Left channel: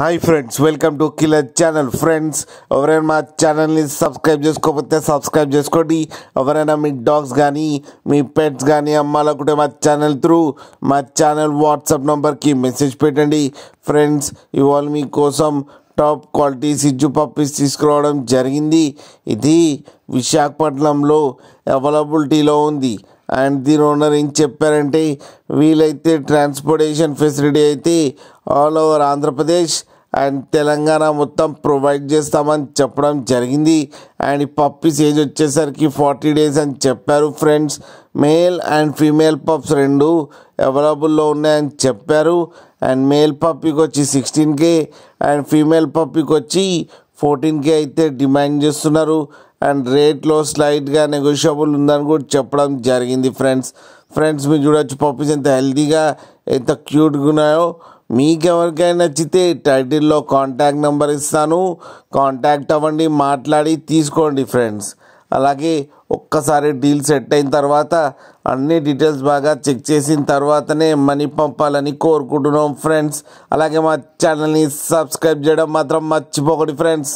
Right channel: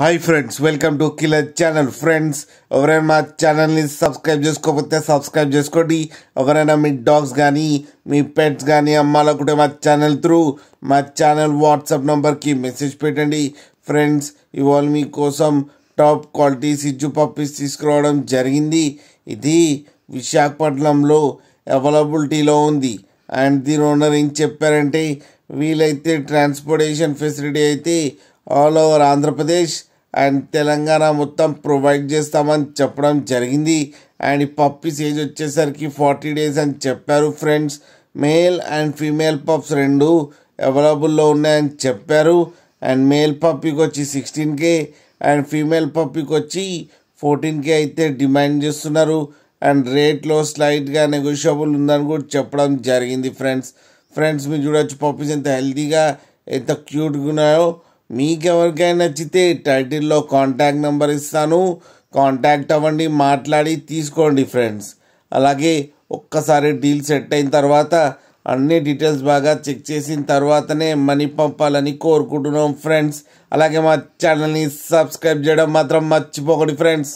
Hi friends, welcome to killer channel. Friends, ఎవరైనా మా ఛానల్ని సబ్స్క్రైబ్ చేసుకోకపోతే సబ్స్క్రైబ్ చేసుకోండి. ఎవరైనా మీ డాగ్స్ కానీ మీ పెట్స్ కానీ అమ్మాలనుకుంటే మా ఛానల్ త్రూ మా ఛానల్ వాట్సాప్ నెంబర్కి మెసేజ్ పెట్టండి. ఫ్రెండ్స్, ఇవాళ మీకోసం టాప్ క్వాలిటీ సిజ్జు పప్పీస్ తీసుకురావడం జరిగింది. ఇది విశాఖపట్నంలో అవైలబిలిటీలో ఉంది. అండ్ దీని ఓనర్ ఏం చెప్పారంటే, వీలైతే ట్రాన్స్పోర్టేషన్ ఫెసిలిటీ అయితే all over Andhra Pradesh and Telangana మొత్తం ప్రొవైడ్ చేస్తామని చెప్పడం జరిగింది. అండ్ ఈ పప్పీస్ ఏజ్ వచ్చేసరికి 40 days అని చెప్పారు. Friends, male and female pups రెండు అవైలబుల్లో ఉన్నాయని చెప్పారు. అండ్ మేల్ పప్పీకి వచ్చి 16K అండ్ ఫీమేల్ పప్పీకి వచ్చి 14K అయితే డిమాండ్ చేస్తున్నారు. అండ్ రేట్లో స్లైట్గా నెగోషియబుల్ ఉందని కూడా చెప్పడం జరిగింది. ఫ్రెండ్స్ మీరు చూడొచ్చు పప్పీస్ ఎంత హెల్తీగా ఎంత క్యూట్గా ఉన్నాయో. మీకు ఎవరికైనా నచ్చితే టైటిల్లో కాంటాక్ట్ నెంబర్ ఇస్తాను, కాంటాక్ట్ అవ్వండి, మాట్లాడి తీసుకోండి. ఫ్రెండ్స్, అలాగే ఒక్కసారి డీల్ సెట్ అయిన తర్వాత అన్ని డీటెయిల్స్ బాగా చెక్ చేసిన తర్వాతనే మనీ పంపాలని కోరుకుంటున్నాం. ఫ్రెండ్స్, అలాగే మా ఛానల్ని సబ్స్క్రైబ్ చేయడం మాత్రం మర్చిపోకండి. ఫ్రెండ్స్.